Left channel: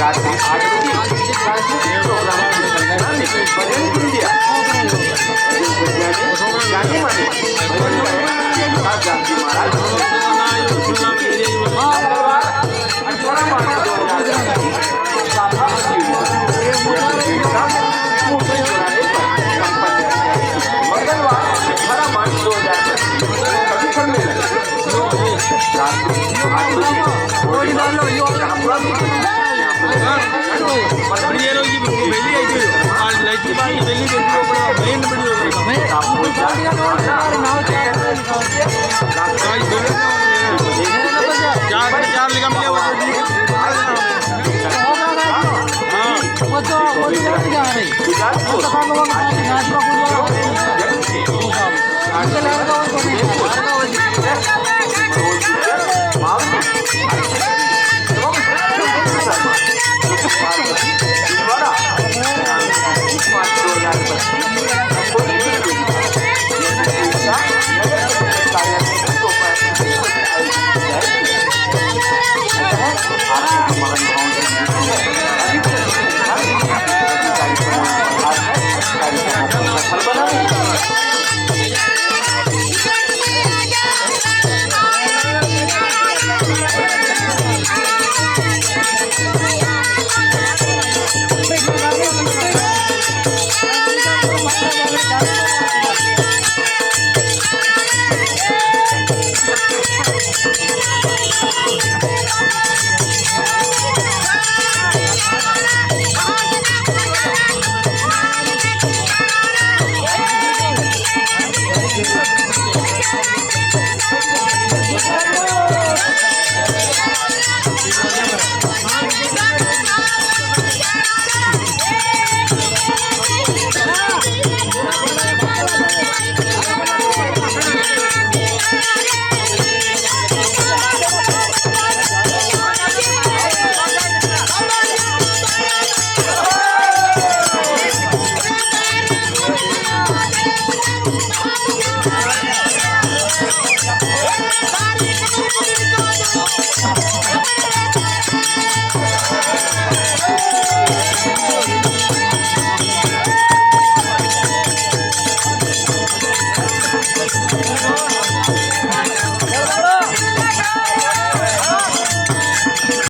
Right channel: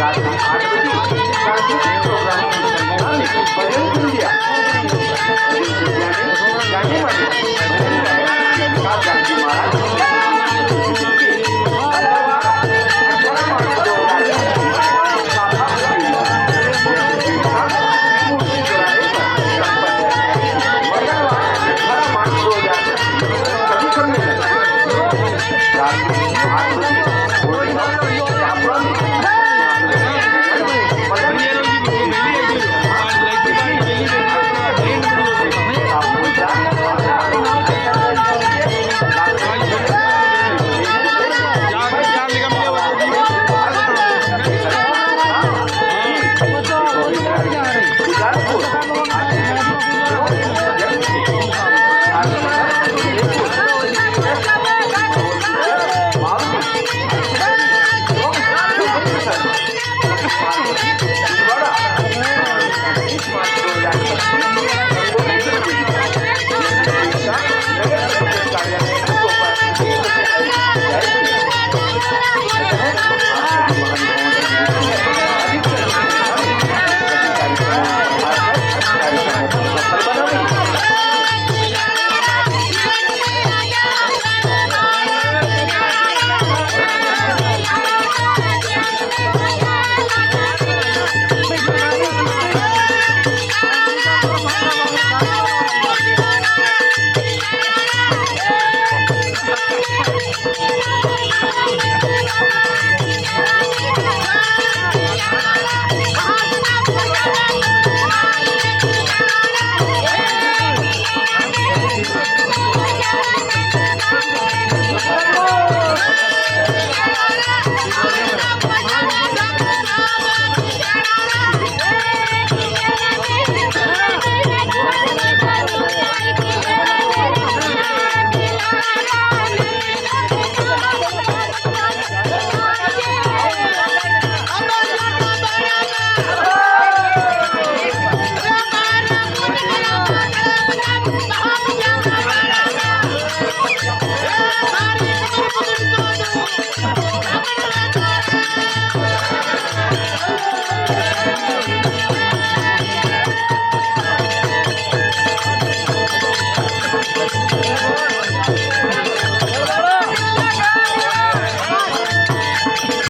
रात्रि 8 बजे सांस्कृतिक प्रोग्राम की संजना ने भजन सुन लिया। भजन संध्या में गाने वाले भजन गायक विकास जानकी महाराज मंगलवार 18 मार्च 2024 साफा प्रतियोगिता त्रिमूर्ति चौराहे पर संपन्न है। मंगलवार 18 मार्च 2025 कवि सम्मेलन रात्रि 8 बजे होर्डिंग हाउस शाहपुरा में